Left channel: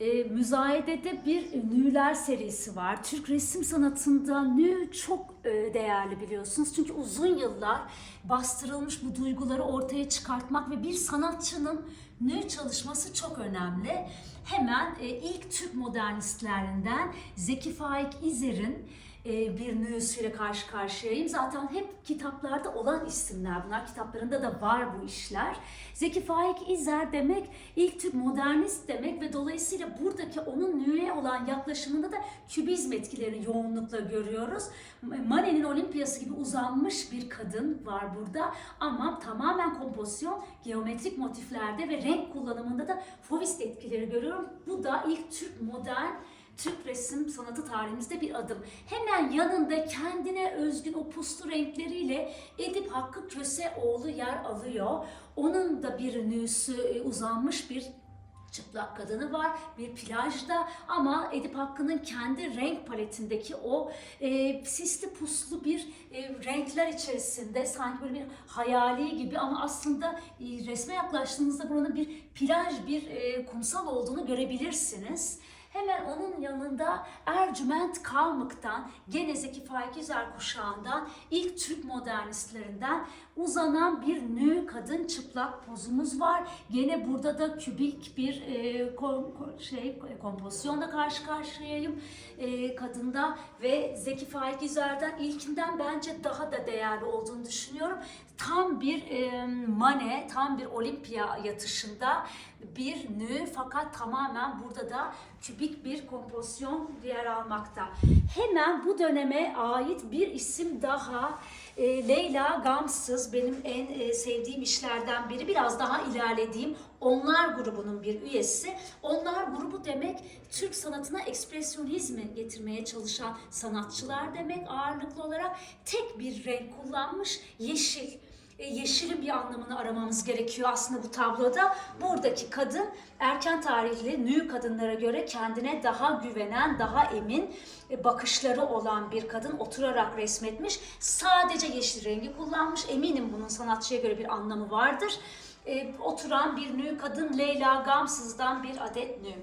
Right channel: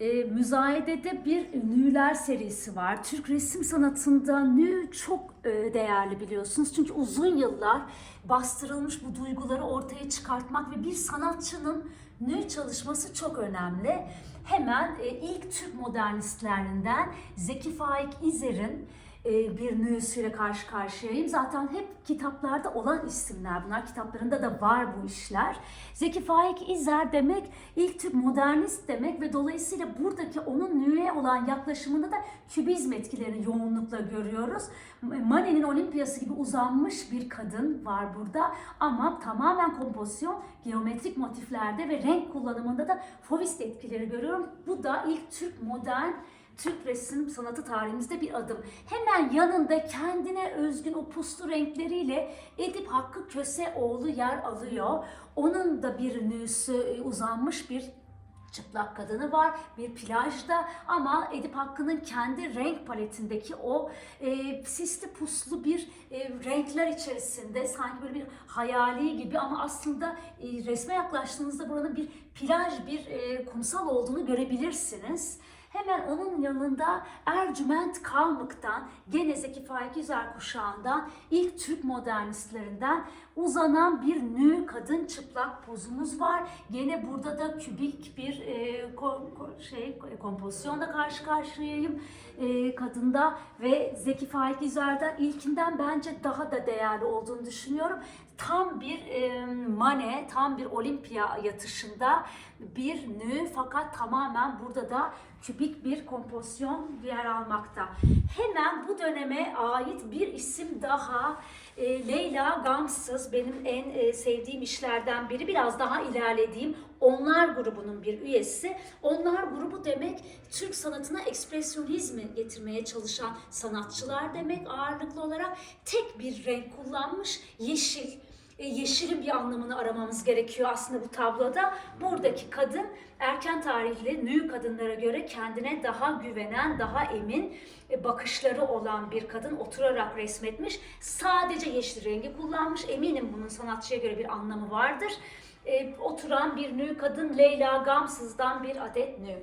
e, müzayedede bir nüler serisi var. Türk resim sanatında nü çok e, değerli biliyorsunuz. Çünkü uzun yıllar bastırılmış bu duyguları ortaya çıkartmak ve bir sanatçının nü çalışması çok önemli. Hemen e, ilk Türk modernistlerinden Zeki Faik İzer'in bir nüsüyle karşı karşıyayım. Zaten hep kitaplarda olan isimler bunlar. Kitaplarında da var bu işler. Zeki Faik İzer demek ilk Türk modernist demek ve dolayısıyla buradaki onun nüye olan yaklaşımında da kübizm etkilerini yoğunlukla görüyoruz. Manet'in Olimpiyası gibi uzanmış bir kadın var burada ama tamamen kompozisyon, geometrik motiflerde ve renk kullanımında da Fauvist etkileri görüyorum. Bu da ilk Türk modern Türk resim sanatı tarihimizde bir adım. Hemen yanında kendine özgün o puslu renkleriyle Edip Hakkı Köseoğlu yer alıyor. Onun da bir nüsü e, uzanmış bir çıplak kadını var bir plajda ama Edip Hakkı'nın kendi renk paletindeki o e, sisli puslu bir e, renkler içerisinde sanki böyle bir hayali gibi ama aslında e, resme yaklaştığınızda buranın bir plaj, bir e, kumsal olduğunu görebilirsiniz. Hemen onun yanında Ercüment Kalmık'tan, gene Zeki Faik Üzer kuşağından, ilk Türk modernistlerinden uzanan bir nü kadın çıplak pozumuz var. Gene burada da kübik bir e, ko- ko- şey kompozisyonla karşı karşıyayım e, kadında ve Zeki Faik Üzer'den ilkinden bence daha da değerli olduğunu düşünüyorum. Tam bir e, mane, tam bir olimpiya yatışında bir nü fakat tamamen burada da kübik bir kompozisyon yer almakta. Hemen bu döneme ait bir isim daha e, Leyla Gamsız benim en e, sevdiğim işlerden biri. Biraz daha ilerlediğim Onlar grubunun bir üyesi. Onlar grubu demek Türk sanatına ekspresyonizmi getirmeye çalışan sanatçılar demek ağırlıklı olarak. Tek bir renk kullanmış yeşil yeşilin bir anlamını aramamız gerekiyor aslında bu tabloda. Buradaki kadın erken tarihli nü kadınlara göre kendine daha güvenen, daha emin e, bakışları olan bir kadın oturarak resmetmiş. Sadece yeşil rengi kullanmış. Eminim bunun sanatçıya göre bir anlamı vardır. E, oturan bir nü kadın Leyla Gamsız'dan bir adet nü.